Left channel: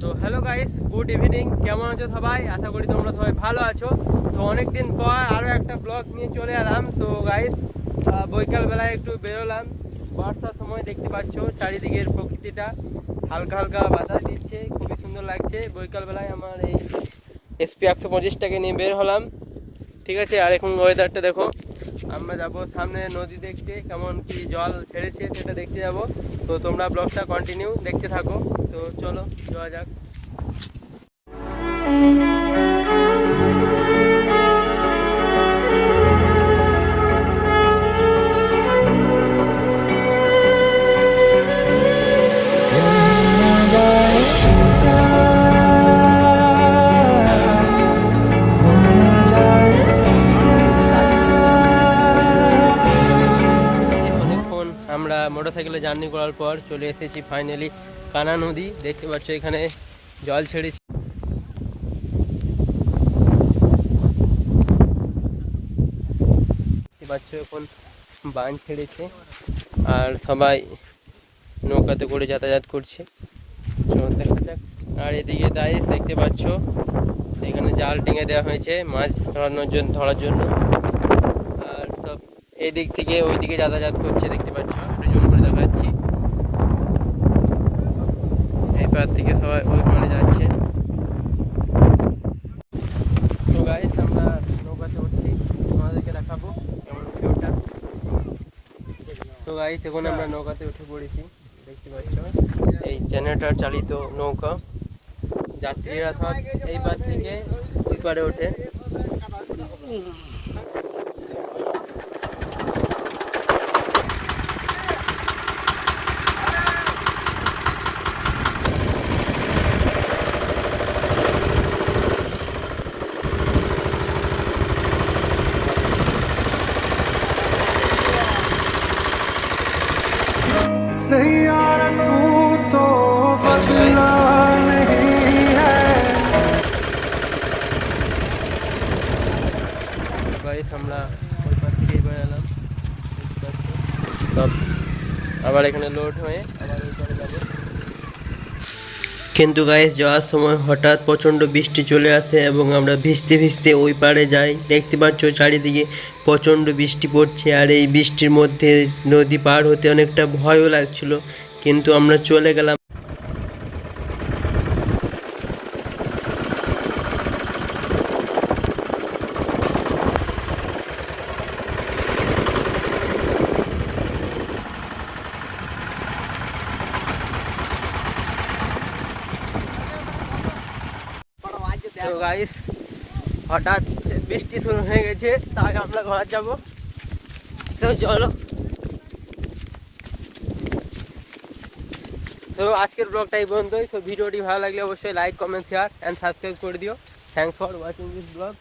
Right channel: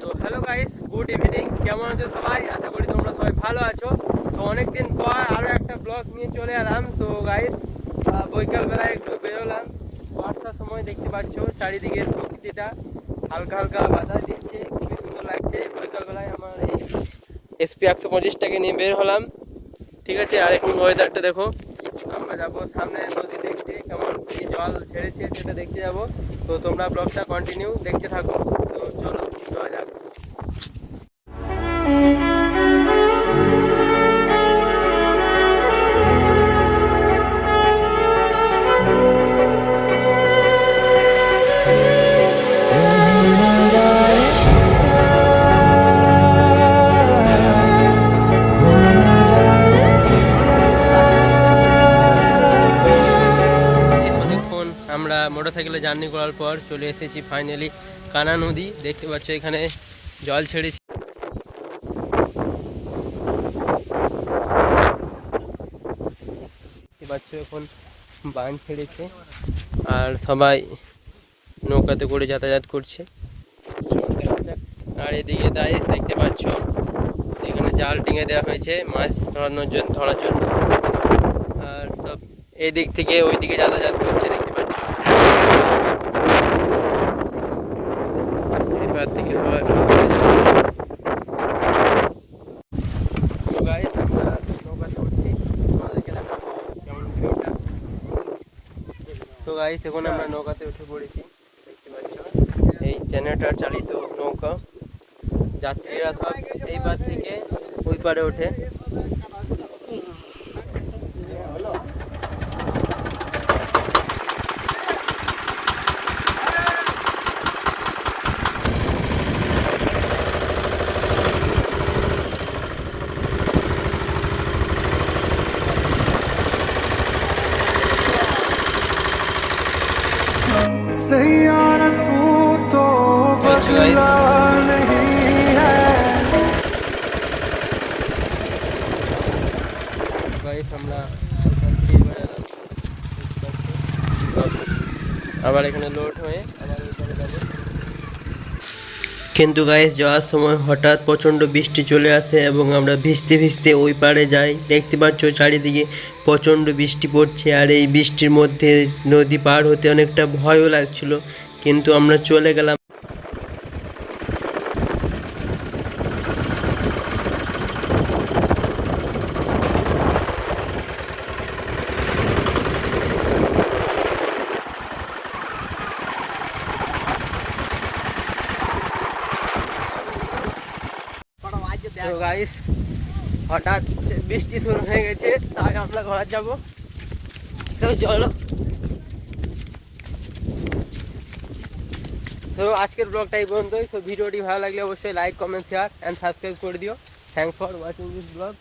তো hello guys good evening কেমন আছো সবাই? আশা করি তোমরা সবাই ভালো আছো। তো অনেকদিন পর আরও একটা ব্লগ নিয়ে চলে এলাম। তো গাইস বৈকাল বেলায় একটু বেরোলাম। বর্ষার সময় দেখতে পাচ্ছো চারিদিকের প্রকৃতিটা। হালকা হালকা বাতাস দিচ্ছে, খুবই সুন্দর লাগছে। বৈকাল বেলায় আমার এই এসপি একশো পঁচিশটাকে নিয়ে বের হলাম। ঠিক আছে, আর এখন ওয়েদারটা দেখো। আমরা যাব সামনে নদী দেখতে, কেমন কি জল ছেড়েছে সেটা দেখতে যাব। তো তোমরা ব্লগটা কন্টিনিউ দেখতে থাকো। তো চলো, যাওয়া যাক। মোটরসাইকেলে জার্নি করার পর চলে এসেছি ফাইনালি কানা নদী। দেখতে পাচ্ছ এখানে জল ছেড়েছে। দেখতে পাচ্ছ এখন বান ছেড়েছে আর সবাই নৌকাতে করে যাতায়াত করছে। আর এদিকে দাইস দেখতে পাচ্ছ, এখানে জাল টিঙে দেওয়া হয়েছে, মাছ ধরানোর জন্য ধরার জন্য। আর সব এদিক থেকে ওই দিকে যাতায়াত করছে দেখতে পাচ্ছ এই পার থেকে সবাই পারে যাচ্ছে। আমরা নৌকাতে উঠছি। আমাদেরকে দেখাবো কেমন গাইস এখন আমরা নৌকাতে উঠে পড়েছি। দেখতে পাচ্ছ? এই জেনারেটর চালিত নৌকা। যাত্রীরা সব এই পার থেকে ওই পারে ওঠে। सैयारा तू तो बदला नहीं है গাইস আমরা ওই পার থেকে এবার এলাম দেখতে পাচ্ছ। সব আবার এখানে লোড হয়ে কিন্তু গায়ে যাওয়ার সময় হঠাৎ প্রচণ্ড বৃষ্টি চলে আসে এবং আমরা ভিজতে ভিজতে ওই পারে যাই। দেখতে পাচ্ছ চারিদিকে প্রচণ্ড বৃষ্টি পড়ছে আর এই বৃষ্টির মধ্যে নদী পার হতে অনেকটা ভয়ও লাগছিল। কিন্তু আমরা চলে গেলাম। তো গাইস হঠাৎ বৃষ্টি শুরু হয়ে গেছে, তাই আমরা ঘর যাব। তো চলো। তো আজকের ব্লগটা এই পর্যন্তই। তো ভিডিওটি ভালো লাগলে অবশ্যই like comment share and subscribe করে দিও। Thanks for watching this blog